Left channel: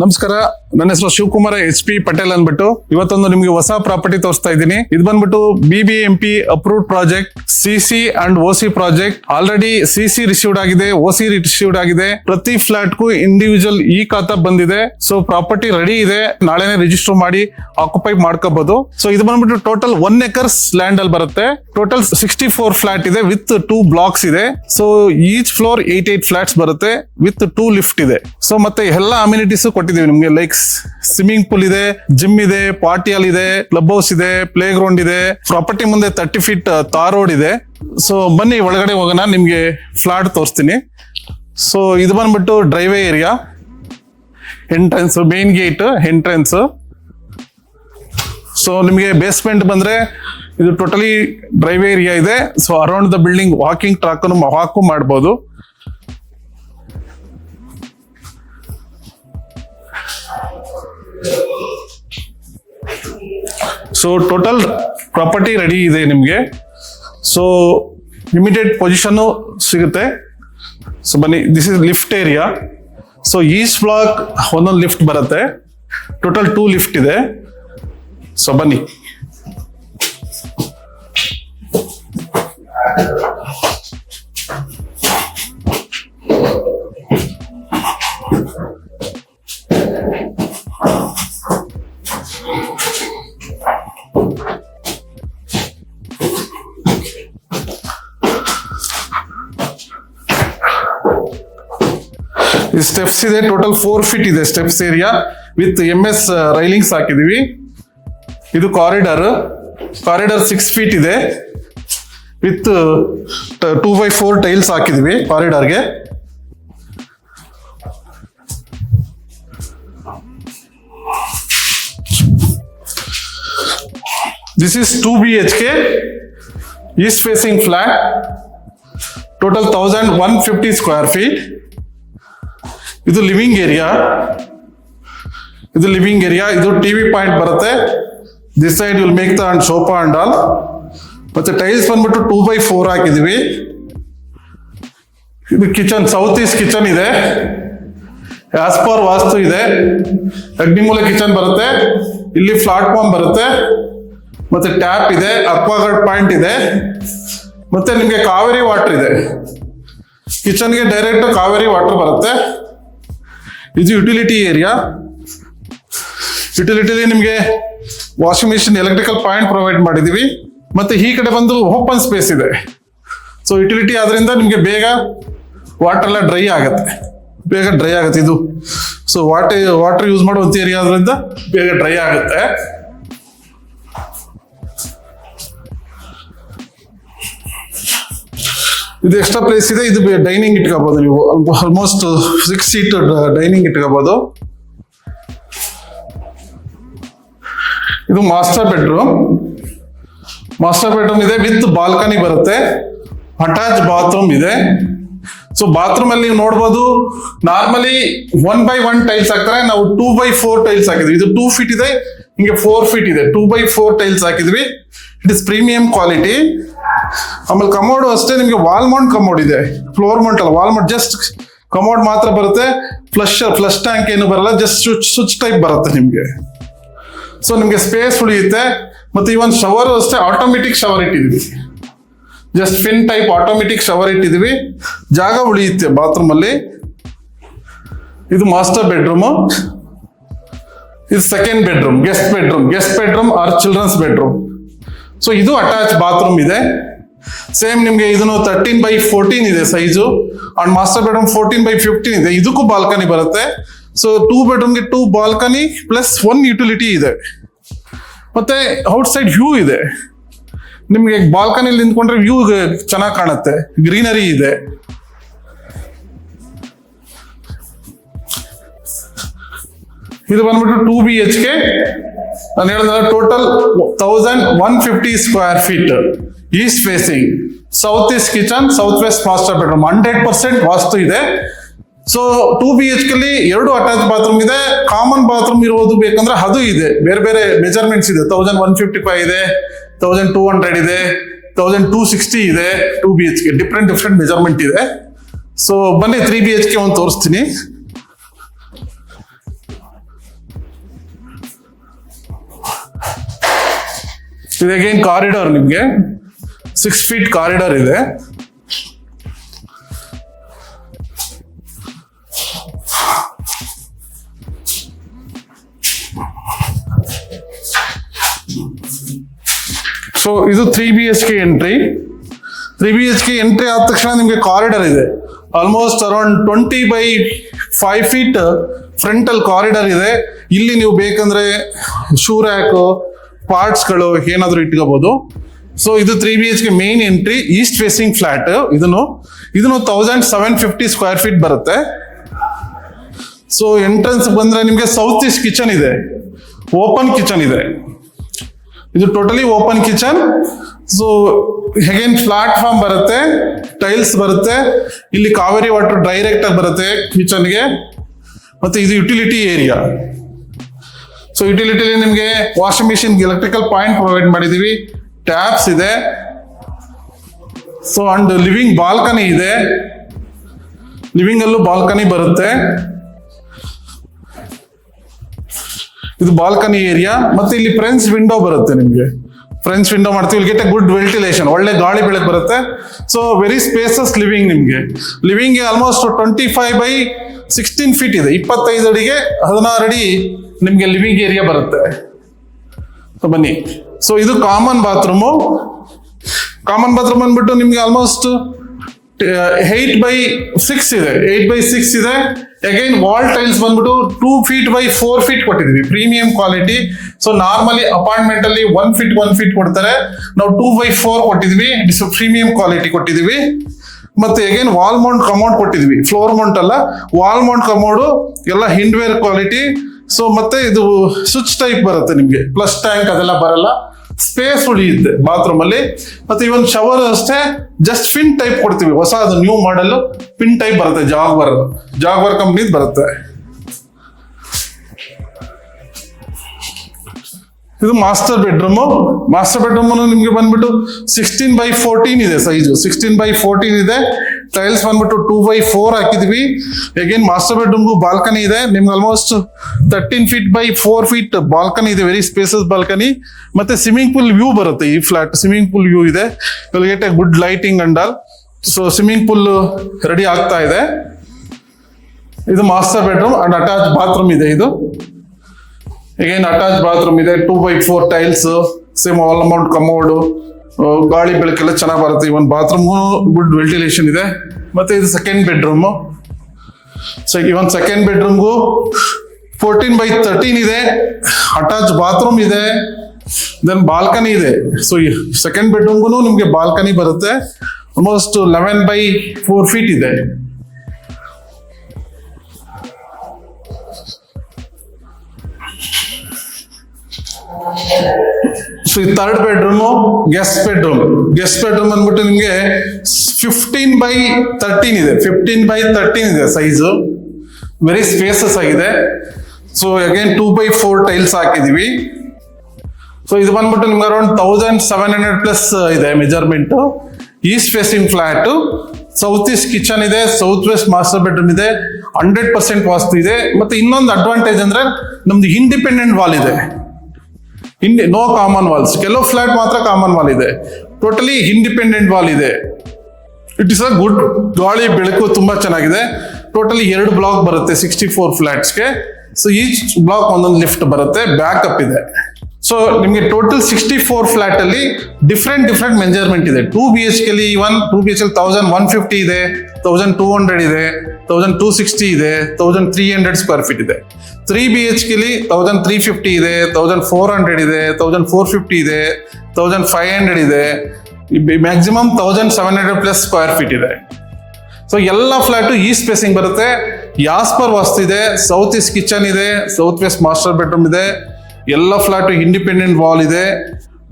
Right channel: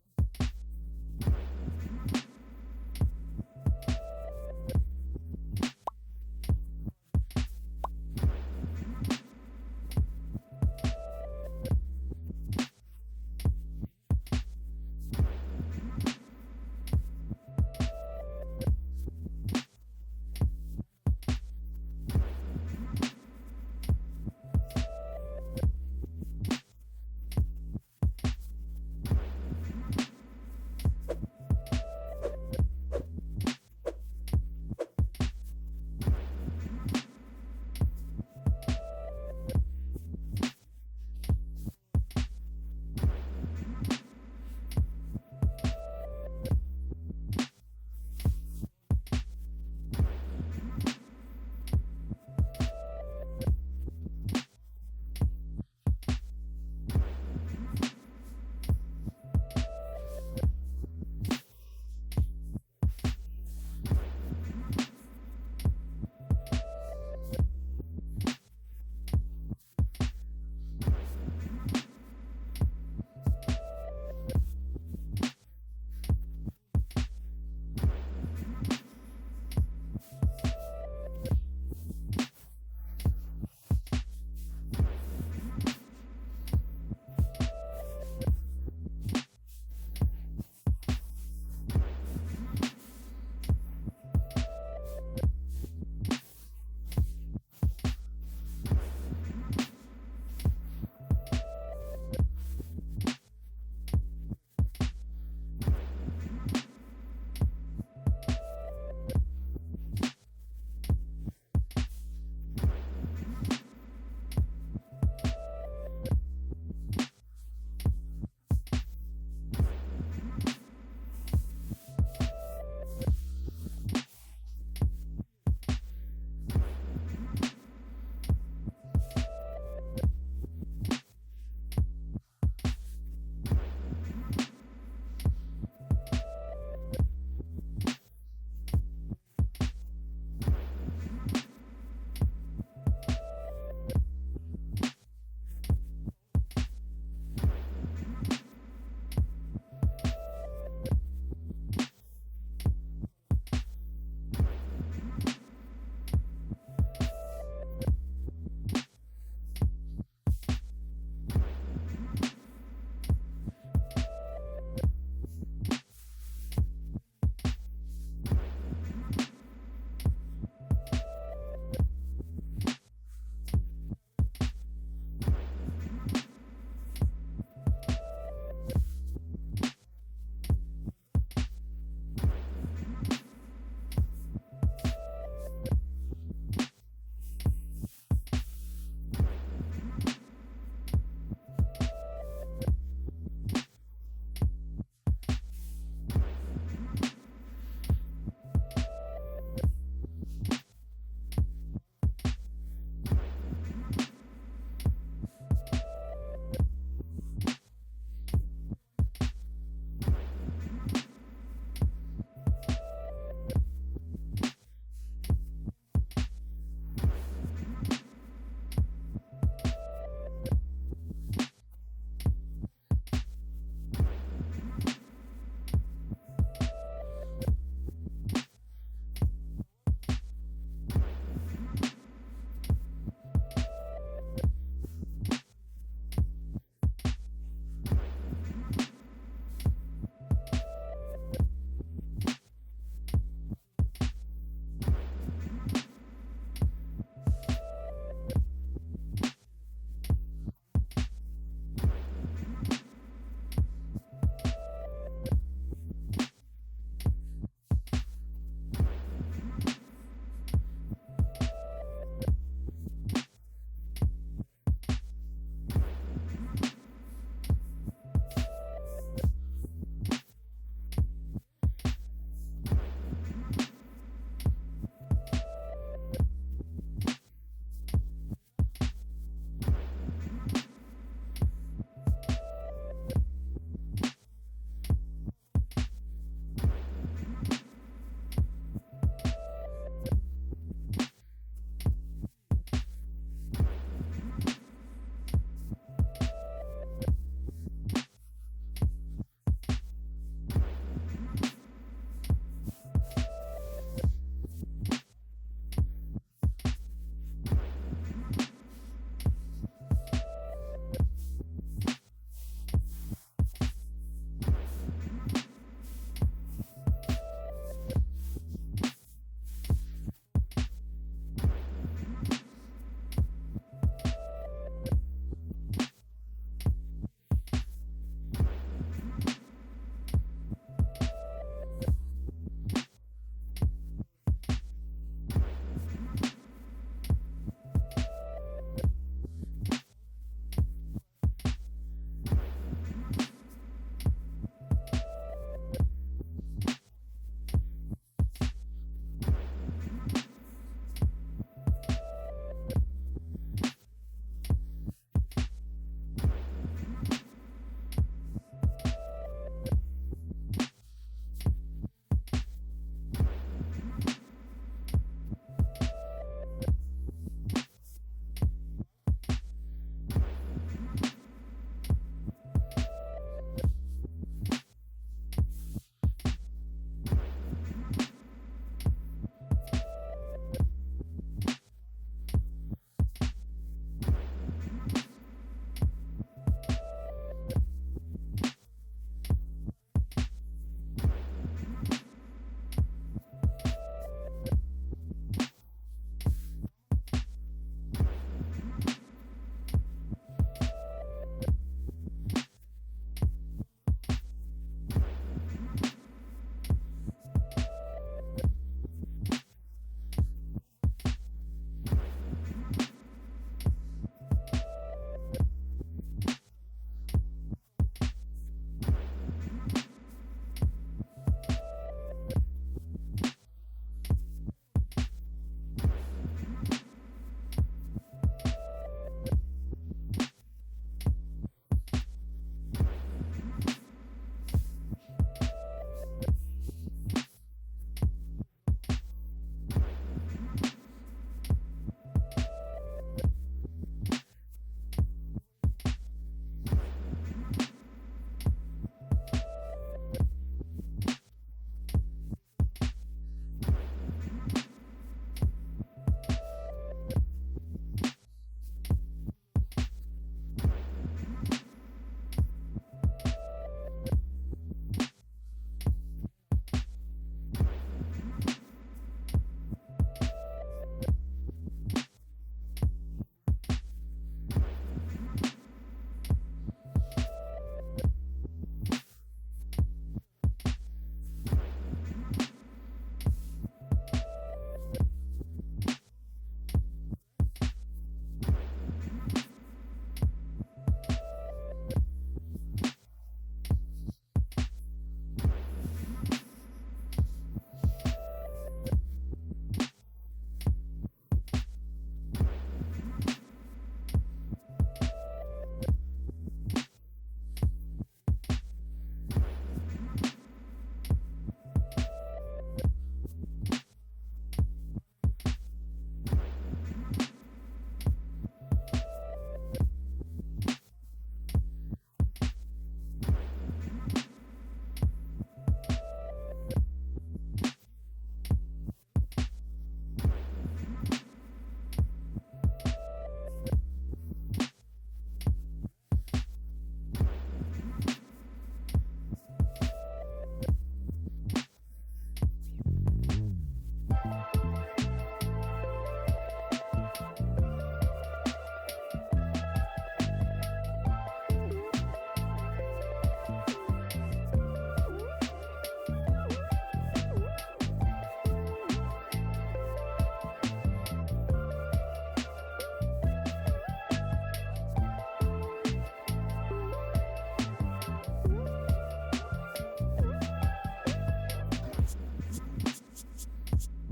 ನಮಸ್ಕಾರ, ನನ್ನ ಹೆಸರು ಶಿವಕುಮಾರ HP ಪಟೇಲ್ ಅಂದ್ಬಿಟ್ಟು ಇವತ್ತೊಂದು ನಿಮ್ಗೆ ಹೊಸ ಪ್ರಾಪರ್ಟಿ ತೋರಿಸ್ತಾ ಇದ್ದೀನಿ. ಇದು ಬಂದ್ಬಿಟ್ಟು BBMP approved project, CC and OC project. Already CC received ಆಗಿದೆ, OC ರಿಸೀವ್ಡ್ ಆಗಿದೆ. ಪ್ರತಿ ಫ್ಲಾಟ್ ಗೂ ಇಂಡಿವಿಜುವಲ್ ಖಾತಾ ಬಂದಿದೆ. ಸೊ ಪ್ರಾಪರ್ಟಿ ರೆಡಿ ಇದೆ, ನಾಳೆನೆ ರಿಜಿಸ್ಟರ್ ಮಾಡಿ ಆಕ್ಯುಪೈ ಮಾಡ್ಕೋಬಹುದು. ಸೊ ಇದು ಬಂದ್ಬಿಟ್ಟು ಟೋಟಲ್ 1 acres ಲ್ಯಾಂಡ್ ಅಲ್ಲಿ ಬರುತ್ತೆ. ಟೋಟಲ್ 64 ಫ್ಲಾಟ್ ಇದೆ ವಿತ್ 2 ಬ್ಲಾಕ್ಸ್ ಇದೆ. ಸೊ ಈಚ್ ಫ್ಲೋರ್ 8 ಫ್ಲಾಟ್ಸ್ ಬರುತ್ತೆ ವಿತ್ 2 ಲಿಫ್ಟ್ ಇದೆ. ಸೊ ಮತ್ತೆ ಎಲ್ಲ ಅಮ್ಯುನಿಟೀಸ್ ಕೊಟ್ಟಿದ್ದೀವಿ ನಿಮ್ಗೆ. ಲೈಕ್ ಸ್ವಿಮ್ಮಿಂಗ್ ಪೂಲ್ ಇದೆ, ಜಿಮ್ ಇದೆ, ಪಾರ್ಟಿ ಹಾಲ್ ಇದೆ, ಕ್ಲಬ್ ಹೌಸ್ ಇದೆ, ಪ್ಲೇ ಗ್ರೌಂಡ್ ಇದೆ. ಪ್ರಾಪರ್ಟಿ ಮುಂದೆ 30 ಫೀಟ್ ತಾರ್ ರೋಡ್ ಇದೆ. ಸೊ ಬನ್ನಿ ಒಳಗಡೆ ಹೋಗೋಣ, ನಿಮ್ಗೆ ಫ್ಲಾಟ್ ತೋರಿಸ್ತೀನಿ. ಸೊ ಇದು ಬಂದ್ಬಿಟ್ಟು driveway area, entrance, main gate entrance. So ನಿಮಗೆ ಬೇಸ್ಮೆಂಟ್ ಬಂದ್ರೆ ಇದು ಟೋಟಲಿ ಡ್ರೈವೇ ಏರಿಯಾ ಇದೆ. So around the building walking track walk ಮಾಡ್ಬೋದು. ಸೊ ಟೋಟಲ್ ಪ್ರಾಪರ್ಟಿ ರೆಡಿ ಇದೆ ನಿಮಗೆ. ಸೊ ಇಮಿಡಿಯೇಟ್ ಪೊಸಿಷನ್ ಸಿಗುತ್ತೆ. ಸೊ ಬನ್ನಿ, this is lift area. So each block ಒಂದೊಂದು ಲಿಫ್ಟ್ ಬರುತ್ತೆ. ಟೋಟಲ್ 2 ಲಿಫ್ಟ್ ಇದೆ. ಸೊ ಬನ್ನಿ. ಸ್ಟೆಪ್ಸ್ ಇದೆ, ಟೋಟಲ್ 4 ಫೀಟ್ ಇದೆ steps area with MS railings ಹಾಕಿದೀವಿ. ಇದು ಕಾರಿಡಾರ್ 6 ಫೀಟ್ ಇದೆ ವಿತ್ 2x4 ಟೈಲ್ಸ್ ಹಾಕಿದೀವಿ ಕಾರಿಡಾರ್ಗೆ. This is 2 BHK east facing flat. Total 1150 square feet. ಇದು ಲಿವಿಂಗ್ ಏರಿಯಾ. ಇದು TV ಪಾಯಿಂಟ್ ಬರುತ್ತೆ. This side will make the and sofa and all. ಮತ್ತೆ tiles ಬಂದ್ಬಿಟ್ಟು 2x4 ಹಾಕಿದೀವಿ. ಇದು ಕಿಚನ್, ಸೌತ್ ಈಸ್ಟ್ ಕಿಚನ್ ಇದೆ. ಆಸ್ ಪರ್ ವಾಸ್ತು ಇದೆ. ಅಗ್ನಿಮೂಲ ಕಿಚನ್ ಬರುತ್ತೆ. ಇಲ್ಲಿ ಪ್ಲಾಟ್ಫಾರ್ಮ್ ಬರುತ್ತೆ. ಮತ್ತೆ ಟ್ಯಾಪ್ ಇದೆ, ಅಕ್ವಾಗಾರ್ಡ್ ಪಾಯಿಂಟ್ ಇದೆ. ಮತ್ತೆ ನಿಮ್ಗೆ ಕಾವೇರಿ ವಾಟರ್ ಇದೆ. ಕಿಚನ್ಗೆ ಡೈರೆಕ್ಟ್ ಕಾವೇರಿ ವಾಟರ್ ಬರುತ್ತೆ. ಇದು ಯುಟಿಲಿಟಿ ಏರಿಯಾ. ಯುಟಿಲಿಟಿಲಿ ನಿಮಗೆ washing machine, electrical point provide ಮಾಡಿದೀವಿ. ಮತ್ತೆ ಈ ಕಡೆ ಬಂದು ಓಪನ್ ಸ್ಪೇಸ್ ಇದೆ. ಸೊ ಯುಟಿಲಿಟಿ ಆದ್ರಿಂದ ನಿಮ್ಗೆ ಬೇಗ ವಾಟರ್ ಎಲ್ಲ ಡ್ರೈ ಆಗುತ್ತೆ ಇದು. ಸೊ ವಾಟರ್ ಯೂಸ್ ಮಾಡುವಂತ ಏರಿಯಾ ಆದ್ರಿಂದ ಬೇಗ ಡ್ರೈ ಆಗುತ್ತೆ. ಇದು ಎಕ್ಸ್ಟ್ರಾ ಪ್ಲೇಸ್ ಇದೆ. ಇದು ಡೈನಿಂಗ್ ಇಟ್ಕೋಬಹುದು ನೀವು. ಆಲ್ಮೋಸ್ಟ್ 6 ಸೀಟ್ ಡೈನಿಂಗ್ ಇಟ್ಕೋಬಹುದು. ಇದು ಮಾಸ್ಟರ್ ಬೆಡ್ರೂಮ್ ಇದೆ ವಿತ್ ಬಾಲ್ಕನಿ ಬರುತ್ತೆ. ಅಟ್ಯಾಚ್ ಬಾತ್ರೂಮ್ ಇದೆ. ಸೊ ಬಾತ್ರೂಮ್ ಅಲ್ಲಿ ನೀವು ನೋಡ್ಬೋದು, ನಾರ್ಮಲಿ 1x1 ಟೈಲ್ಸ್ ಹಾಕ್ತಾರೆ. ನಾವು 2x4 ಟೈಲ್ಸ್ ಹಾಕಿದ್ವಿ. ಇದು 2 ಫೀಟ್ ಇದೆ, ಹಿಂಗೆ 4 ಫೀಟ್ ಇದೆ. 2x4 ಟೈಲ್ಸ್ ಹಾಕಿದ್ವಿ. It is premium quality. ಆಮೇಲೆ ಕಮೋಡ್ ಅಷ್ಟೇ, ನಿಮ್ಗೆ ವಾಲ್ ಮೌಂಟ್ ಕಮೋಡ್ ಇದೆ. ಫ್ಲೋರ್ ಮೌಂಟ್ ಅಲ್ಲ, ವಾಲ್ ಮೌಂಟ್. ಜಸ್ಟ್ ಕಮೋಡ್ ಮಾತ್ರ ಬರುತ್ತೆ. ಫ್ಲಶ್ ಟ್ಯಾಂಕ್ ಏನು ಬರಲ್ಲ, ಜಸ್ಟ್ ಸ್ವಿಚ್ ಟೈಪ್ ಬರುತ್ತೆ ನಿಮ್ಗೆ. ಸೊ ನಿಮ್ಗೆ ಸ್ಪೇಸ್ ಉಳಿಯುತ್ತೆ. ಮತ್ತೆ ಈ ಒಂದು ಶವರ್ ಅಷ್ಟೇ ಆಟೋಮೆಟಿಕ್ ಶವರ್ ಇಟ್ಟಿದ್ವಿ. Just fin type automatic shower ಇಟ್ಟಿದ್ವಿ, ಜಾಗ ಉಳಿಯುತ್ತೆ ಬಾತ್ರೂಮ್ ಅಲ್ಲಿ. ಇದು ಮಾಸ್ಟರ್ ಬೆಡ್ರೂಮ್. ಇದು second bedroom, guest bedroom or children's bedroom. So ಇದು ಅಟ್ಯಾಚ್ ಬಾತ್ರೂಮ್ ಇದೆ. ಸೇಮ್ ನಿಮ್ಗೆ ಇದನ್ನು 13x14 ಇದೆ size. And master bedroom 14x15 ಇದೆ. ಇದಕ್ಕೂ ಬಾಲ್ಕನಿ ಬರುತ್ತೆ. ಸೊ 2 ಬೆಡ್ರೂಮ್ಗೆ 2 ಬಾಲ್ಕನಿ ಪ್ಲಸ್ 1 ಯುಟಿಲಿಟಿ ಇದೆ. ಮತ್ತೆ ಔಟ್ ಸೈಡ್ ವ್ಯೂ ಇದೆ. ನಿಮ್ಗೆ ಬಾಲ್ಕನಿಲಿ ನಿಂತ್ಕೊಂಡ್ರೆ ವ್ಯೂ ಚೆನ್ನಾಗಿ ಕಾಣುತ್ತೆ, ಗ್ರೀನರಿ ಇದೆ. ಇದು ಬಂದ್ಬಿಟ್ಟು 2 BHK. ನಾನು ಹೇಳಿದ್ರೆ total 1150 square feet. East facing, south east kitchen, south west master bedroom. 100% vastu ಇದೆ. ಸೊ 2 BHK ಅಲ್ಲಿ 2 ಅಟ್ಯಾಚ್ ಬಾತ್ರೂಮ್ ಇದೆ. ಕಾಮನ್ ಬಾತ್ರೂಮ್ ಇರೋದು ಬೇಕಂದ್ರೆ ಅದು ಇದೆ. ಬೇರೆ ಮೆಜರ್ಮೆಂಟ್ಸ್ ಇದೆ. 1155 ಇದೆ, 1200 ಇದೆ, 1260 ಇದೆ. 2 BHK ಡಿಫ್ರೆಂಟ್ ಮೆಜರ್ಮೆಂಟ್ ಇದೆ. ಸೊ ಬನ್ನಿ 3 BHK ಒಂದು ತೋರಿಸ್ತೀನಿ. ಇದು ಅಗೇನ್ ಕಾರಿಡಾರ್, ನಿಮ್ಗೆ 6 feet ಕಾರಿಡಾರ್ ಇದೆ. ಸೊ ಇದು 3 BHK ಎಂಟ್ರಿ. 3 BHK ಎಂಟ್ರಿ ಆದ ತಕ್ಷಣ ನಿಮಗೆ ಕಾರಿಡಾರ್ ಇದೆ. Almost around 20 by 5 feet frontal corridor ಇದೆ. ಇಲ್ಲಿ ನೀವು ಬೇಕಂದ್ರೆ ಶೂ ರ್ಯಾಕ್, ಪಾರ್ಟ್ಸ್ಗಳು ಏನಾದರೂ ಇಟ್ಕೋಬಹುದು. ಸೊ ಇದು 3 BHK main entry, East facing flat. ಇದನ್ನು 1750 ಸ್ಕ್ವೇರ್ ಫೀಟ್ ಬರುತ್ತೆ. ಸೊ ಎಂಟ್ರೆನ್ಸ್ ಬಂದ್ರೆ ನಿಮಗೆ ಸೌತ್ ಈಸ್ಟ್ ಕಿಚನ್ ಇದೆ, ಓಪನ್ ಕಿಚನ್ ಇದೆ. ಇದು totally open kitchen. So again platform ಬರುತ್ತೆ, ಟೈಲ್ಸ್ ಬರುತ್ತೆ. ಇಲ್ಲಿ ಕಾವೇರಿ ವಾಟರ್ ಡೈರೆಕ್ಟ್ ಆಗಿ ಬರುತ್ತೆ ಕಿಚನ್ಗೆ. ಮತ್ತೆ ಇದು ಯುಟಿಲಿಟಿ ಏರಿಯಾ. ಸೊ ಯುಟಿಲಿಟಿಲಿ ನಿಮಗೆ washing machine, electrical point provide ಮಾಡಿದೀವಿ, ಟ್ಯಾಪ್ಸ್ ಇದೆ. ಸೊ ಅಂಡ್ ಲಿವಿಂಗ್ ಬಾಲ್ಕನಿ ಇದೆ, ಲಿವಿಂಗ್ ಅಲ್ಲೂ ಬಾಲ್ಕನಿ ಬರುತ್ತೆ. ಇದು ಬಾಲ್ಕನಿ ಏರಿಯಾ. ಮತ್ತೆ ಇಲ್ಲಿ ಫ್ರೆಂಚ್ ವಿಂಡೋ ಬರುತ್ತೆ, ನಿಮಗೆ ಫ್ರೆಂಚ್ ವಿಂಡೋ ಮಾಡ್ತೀವಿ. ಇಲ್ಲಿ ಗೆಟ್ ಎ ಗುಡ್ ವೆಂಟಿಲೇಷನ್, ಒಳ್ಳೆ ಗಾಳಿ ಬೆಳಕು ಬರುತ್ತೆ. So very spaces living. ನಿಮಗೆ ಲಿವಿಂಗ್ ಆಲ್ಮೋಸ್ಟ್ 25 by 16 feet ಇದೆ, 25 ಅಡಿಗೆ 16 ಅಡಿ ನಿಮಗೆ ಲಿವಿಂಗ್ ಏರಿಯಾ ಬರುತ್ತೆ. ಬನ್ನಿ. ಸೊ ಇದು ಕಾಮನ್ ಬಾತ್ರೂಮು. ಕಾಮನ್ ಬಾತ್ರೂಮ್ ಅಂದ್ಬಿಟ್ಟು ನಿಮ್ಗೆ ಆಲ್ಮೋಸ್ಟ್ 8 by 6 ಇದೆ, 8 by 6 ಇದೆ. ಅಗೈನ್ ವಾಲ್ ಟೈಲ್ಸ್ ಬಂದ್ಬಿಟ್ಟು 2 feet by 4 feet ಕೊಟ್ಟಿದ್ವಿ, premium quality. So normally apartment ಅಲ್ಲಿ 1 feet ಕೊಡ್ತಾರೆ, ನಾವು 2 by 4 ಕೊಟ್ಟಿದ್ವಿ, ಪ್ರೀಮಿಯಂ ಕ್ವಾಲಿಟಿ ಕೊಟ್ಟಿದ್ವಿ. ಮತ್ತೆ ಅಗೇನ್ ವಾಲ್ ಮೌಂಟ್ ಕಮೋಡ್ ಕೊಟ್ಟಿದ್ವಿ, ಫ್ಲೋರ್ ಮೌಂಟ್ ಅಲ್ಲ, ವಾಲ್ ಮೌಂಟ್ ಕಮೋಡು ಎಲ್ಲ ಹಿಂಡ್ವೇರ್ ಕ್ವಾಲಿಟಿ. ಸೊ ಮತ್ತೆ ಇದು ಸ್ವಿಚ್ ಟೈಪ್ ಬರುತ್ತೆ, ನಿಮ್ಗೆ ಪ್ಲಸ್ ಟ್ಯಾಂಕ್ ಅದೆಲ್ಲ ಬರಲ್ಲ, ಸ್ಪೇಸ್ ಉಳಿಯುತ್ತೆ ಬಾತ್ರೂಮ್ ಅಲ್ಲಿ. ಮತ್ತೆ ಇವನ್ ಶವರ್ ಅಷ್ಟೇ ಜಸ್ಟ್ ಫಿನ್ ಟೈಪ್ ಕೊಡ್ತೀವಿ, ಹೊಸ ಅದು ನ್ಯೂ ಮಾಡೆಲ್ ಪಿನ್ ಟೈಪ್ ಬರುತ್ತೆ, ಜಾಗ್ವರ್ ಕಂಪ್ನಿದ್ ಬರುತ್ತೆ. ಇದು ಮಾಸ್ಟರ್ ಬೆಡ್ರೂಮು. ಮಾಸ್ಟರ್ ಬೆಡ್ರೂಮ್ ನಿಮ್ಗೆ ಬಂದ್ಬಿಟ್ಟು 16 by 14 ಇದೆ ಸೈಜು, 16 by 14 ಇದೆ. ಟೈಲ್ಸ್ ಬಂದ್ಬಿಟ್ಟು 2 by 4 ಹಾಕಿದ್ವಿ. ಅಗೇನ್ ಮಾಸ್ಟರ್ ಬೆಡ್ರೂಮ್ಗೂ ಬಾಲ್ಕನಿ ಇದೆ, ನಿಮ್ಗೆ almost 13 feet by 4 feet balcony ಇದೆ, ವೆರಿ ಸ್ಪೇಸಸ್ ಬಾಲ್ಕನಿ. ಮತ್ತೆ ಸ್ವಿಮ್ಮಿಂಗ್ ಪೂಲ್ ವ್ಯೂ ಬರುತ್ತೆ, ಈ ಫ್ಲಾಟ್ ಸ್ವಿಮ್ಮಿಂಗ್ ಪೂಲ್ ವ್ಯೂ ಇದೆ, get A good lighting and all. So swimming pool ready ಆಗ್ತಾ ಇದೆ. ಇದು master bedroom and attach bathroom ಇದೆ. ಇದು ಅಗೇನ್ ಅಟ್ಯಾಚ್ ಬಾತ್ರೂಮ್ ಇದೆ, 2 by 4 tiles, same wall Mount commode, ಗಾಳಿ ಬೆಳಕೆಲ್ಲ ಚೆನ್ನಾಗಿ ಬರುತ್ತೆ. ಇವನ್ ಬಾತ್ರೂಮ್ ಗುಡ್ ವೆಂಟಿಲೇಷನ್ ಇದೆ. ಮತ್ತೆ ಇದು second bedroom. So even second ಬೆಡ್ರೂಮ್ಗೂ 14 by 13 ಇದೆ, ಅಟ್ಯಾಚ್ ಬಾತ್ರೂಮ್ ಇದೆ, ದೆನ್ ಬಾಲ್ಕನಿ ಇದೆ. ಸೊ ಸೆಕೆಂಡ್ ಬೆಡ್ರೂಮ್ಗೂ ನಿಮ್ಗೆ ಬಾಲ್ಕನಿ ಬರುತ್ತೆ, ಆಲ್ಮೋಸ್ಟ್ 11 by 4 feet ಇದೆ. ಸೊ ಈ ಥರ್ಡ್ ಬೆಡ್ರೂಮು ಗೆಸ್ಟ್ ಬೆಡ್ರೂಮ್ ಅಂದ್ಬಿಟ್ಟು ನಿಮ್ಗೆ 15 by 13 ಇದೆ, 15 by 13 ಇದೆ ಸೈಜು, ವೆರಿ ಸ್ಪೇಸಸ್ ಆಗಿದೆ. ಸೊ ಅಗೇನ್ 2 by 4 ಟೈಲ್ಸ್ ಹಾಕಿದೀವಿ. ಸೊ ಇದು ಬಂದ್ಬಿಟ್ಟು ನಿಮ್ಗೆ ಅರೌಂಡ್ 1700+ ಇದೆ measurement. East facing flat, south east kitchen ಇದೆ, ಸೌತ್ ವೆಸ್ಟ್ ಮಾಸ್ಟರ್ ಬೆಡ್ರೂಮ್ ಇದೆ, 100% ವಾಸ್ತು ಇದೆ. ಮತ್ತೆ ಇನ್ನೊಂದು ಅಡ್ವಾಂಟೇಜ್ ಅಂದ್ರೆ ನಮ್ದು ಇಂಡಿಪೆಂಡೆಂಟ್ ವಾಲ್ ಇದೆ, ನೋ ಕಾಮನ್ ವಾಲ್ಸ್. ಕೆಲವು ಫ್ಲಾಟ್ ಮಾತ್ರ ಕಾಮನ್ ವಾಲ್ ಇದೆ, ಟೋಟಲಿ ಇಂಡಿಪೆಂಡೆಂಟ್ ವಾಲ್ ಇದೆ. ಇಟ್ ಇಸ್ ಅ ಗುಡ್, ಗಾಳಿ ಬೆಳಕು ತುಂಬಾ ಚೆನ್ನಾಗಿದೆ. ಟೋಟಲಿ 2 ಬ್ಲಾಕ್ ಬರುತ್ತೆ 64 ಫ್ಲಾಟ್ಸ್ಗೆ. ಸೊ ಈಚ್ ಬ್ಲಾಕ್ ಒಂದೊಂದು ಲಿಫ್ಟ್ ಬರುತ್ತೆ, ಬ್ಯಾಕಪ್ ಇದೆ. ಸೊ ನಿಮಗೆ ಟೋಟಲ್ 64 ಫ್ಲಾಟ್ ಅಲ್ಲಿ ಡಿಫ್ರೆಂಟ್ ಮೆಜರ್ಮೆಂಟ್ ಇದೆ. 2 BHK 1150 ಇದೆ, 1200 ಇದೆ, 1260 ಇದೆ, 1300 ಸ್ಕ್ವೇರ್ ಫೀಟ್ ಇದೆ. 3 BHK 1350 ಇದೆ, 1400 ಇದೆ, 1450 ಇದೆ, 1500 ಇದೆ, ಮ್ಯಾಕ್ಸಿಮಮ್ 1700+ ಸ್ಕ್ವೇರ್ ಫೀಟ್ ಇದೆ. ಸೊ ಎಲ್ಲ ಫ್ಲಾಟು ಈಸ್ಟ್ ಫೇಸಿಂಗ್ ಬರುತ್ತೆ, ಯಾಸ್ಪರ್ ವಾಸ್ತು ಇದೆ, ಸೌತ್ ಈಸ್ಟ್ ಕಿಚನ್ ಇದೆ, ಸೌತ್ ವೆಸ್ಟ್ ಮಾಸ್ಟರ್ ಬೆಡ್ರೂಮ್ ಇದೆ, ಎಲ್ಲ ಫ್ಲಾಟು ಇಂಡಿಪೆಂಡೆಂಟ್ ವಾಲ್ ಇದೆ,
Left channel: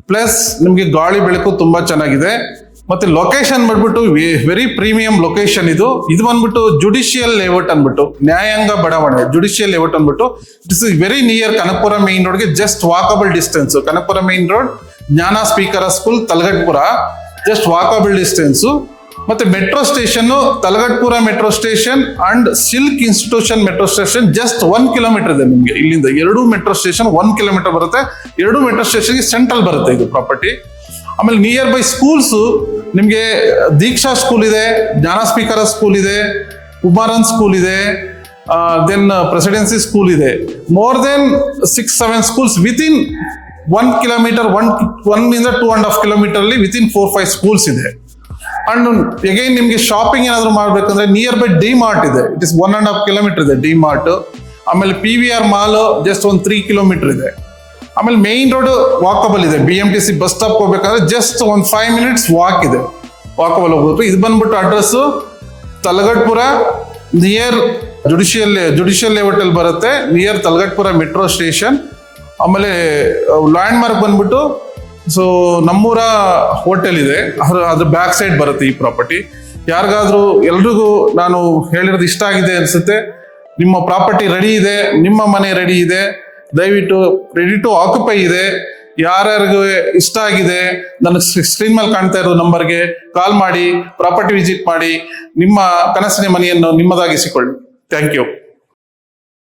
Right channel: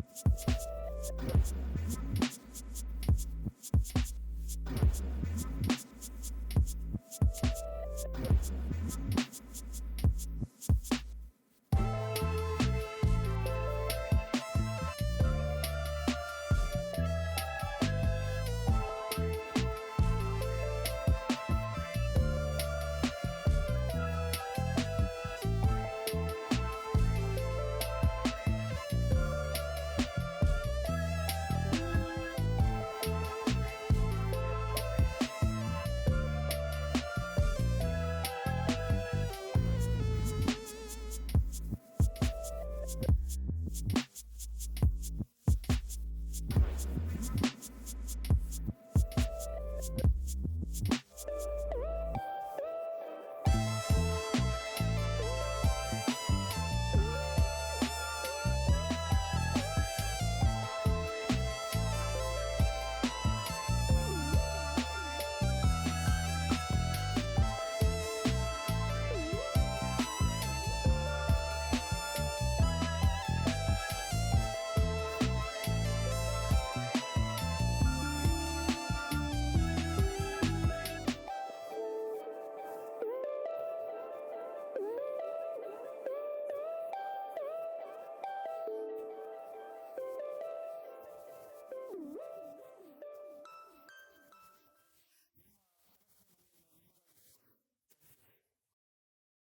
ಪ್ಲಸ್ ನಿಮಗೆ ಗಾಳಿ ಬೆಳಕು ತುಂಬಾ ಚೆನ್ನಾಗಿದೆ. ಮತ್ತೆ ಲೊಕೇಶನ್ ಬಂದ್ಬಿಟ್ಟು ವೆರಿ ಪ್ರೀಮಿಯಂ ಲೊಕೇಶನ್. ಇದು ಬಂದ್ಬಿಟ್ಟು ಜುಡಿಷಿಯಲ್ ಲೇಔಟ್ ಅನ್ಬಿಟ್ಟು, ನ್ಯಾಯಾಂಗ ಬಡಾವಣೆ, ಜುಡಿಷಿಯಲ್ ಲೇಔಟ್ ಅನ್ಬಿಟ್ಟು. It's very near Kanakapura main ರೋಡ್ಗೆ, just walkable distance. Kanakapura main road, Jnana ಸ್ಪೀಕರ್ school, Thalaghattapura, just walkable distance. ಮತ್ತೆ metro station Thalaghattapura metro station and silk institution metro station just 1 kilometre ಇದೆ ನಿಮಗೆ ಇಲ್ಲಿಂದ. 2 ಮೆಟ್ರೋ ಸ್ಟೇಷನ್ 1 ಕಿಲೋಮೀಟರ್ ಬರುತ್ತೆ. 2 ಮೆಟ್ರೋ ಸ್ಟೇಷನ್ಗೆ ಸೆಂಟ್ರಲ್ ಬರುತ್ತೆ ಇದು ಪ್ರಾಪರ್ಟಿ. ಆಮೇಲೆ ನಿಯರ್ ಬೈ ಸ್ಕೂಲ್ಸ್ ನಿಮಗೆ ದೀಕ್ಷಾ ಸ್ಕೂಲ್ ಇದೆ, ಜ್ಞಾನಸ್ಪೀಕರ ಸ್ಕೂಲ್ ಇದೆ, ಕುಮಾರನ್ ಸ್ಕೂಲ್ ಇದೆ, ದೆನ್ ಪ್ರೆಸಿಡೆನ್ಸಿ ಸ್ಕೂಲ್ ಇದೆ. More than 6-7 schools within 1 kilometre, 1 ಇಂದ 2.5 ಕಿಲೋಮೀಟರ್ ಅಲ್ಲಿ ವಿತಿನ್ 4-5 ಸ್ಕೂಲ್ಸ್ ಇದೆ. ಅಂಡ್ ಅಗೈನ್ ನಿಮ್ಗೆ ಶಾಪಿಂಗ್ ಏನಾದ್ರು ಮಾಡ್ಬೇಕಂದ್ರೆ ನಿಯರ್ ಬೈ ಡಿ ಮಾರ್ಟ್ ಇದೆ, ಇಟ್ ಇಸ್ 1.5 ಕಿಲೋಮೀಟರ್ ಇದೆ ಡಿ ಮಾರ್ಟ್. ಆಮೇಲೆ PVR ಮಾಲ್ ಜಸ್ಟ್ 3 ಕಿಲೋಮೀಟರ್ ಇದೆ. ಆಮೇಲೆ ಮೇನ್ ರೋಡ್ ವಾಕಬಲ್ ಇದೆ, BMTC ಬಸ್ ಸ್ಟಾಪ್ ಹೋಗ್ಬೇಕಂದ್ರೆ ಜಸ್ಟ್ 5 ಮಿನಿಟ್ಸ್ ವಾಕ್ ಇದೆ, ವಾಕಬಲ್ ಹೋಗ್ಬೇಕು. ಇದು ಬಂದ್ಬಿಟ್ಟು address Talaghattapura near judicial layout ಅಲ್ಲಿ ಬರುತ್ತೆ, ನಿಯರ್ ತಲಗಟ್ಪುರ ಮೆಟ್ರೋ ಸ್ಟೇಷನ್. ಆಮೇಲೆ ಲ್ಯಾಂಡ್ ಮಾರ್ಕ್ ಬಂದ್ಬಿಟ್ಟು ಸೊ ನಮ್ಮೂರ ಹೋಟೆಲ್ ಇದೆ, ಅದ್ರ ಬ್ಯಾಕ್ ಸೈಡ್ ಬರುತ್ತೆ ಈ ಪ್ರಾಪರ್ಟಿ. ಯಾರಿಗಾದ್ರೂ ಎಲ್ರಿಗೂ ನಾನು ಹೇಳಿರೋದು ಇಷ್ಟ ಆಗಿದೆ ಅನ್ಸುತ್ತೆ, ನಿಮ್ಮ ಪ್ರಾಪರ್ಟಿ ರೆಡಿ ಇದೆ, ನಿಮ್ಮ ಮನೆ ರೆಡಿ ಇದೆ, ದಯವಿಟ್ಟು ರೆಡಿ ಟು ಆಕ್ಯುಪೈ ಇದೆ. ಯಾರ್ಯಾರಿಗೂ ಇಷ್ಟ ಆಗಿದೆ ನನಗೆ ಸ್ಕ್ರೀನ್ ಮೇಲೆ ಕಾಣ್ತಾ ಇರೋ ನಂಬರ್ಗೆ ಕಾಲ್ ಮಾಡಿ ಪ್ರಾಪರ್ಟಿ ವಿಸಿಟ್ ಮಾಡಿ ನಿಮ್ಮ ಕನಸಿನ ಮನೆಯನ್ನು ನಿಮ್ಮದಾಗಿಸಿಕೊಳ್ಳಿ. Thank you.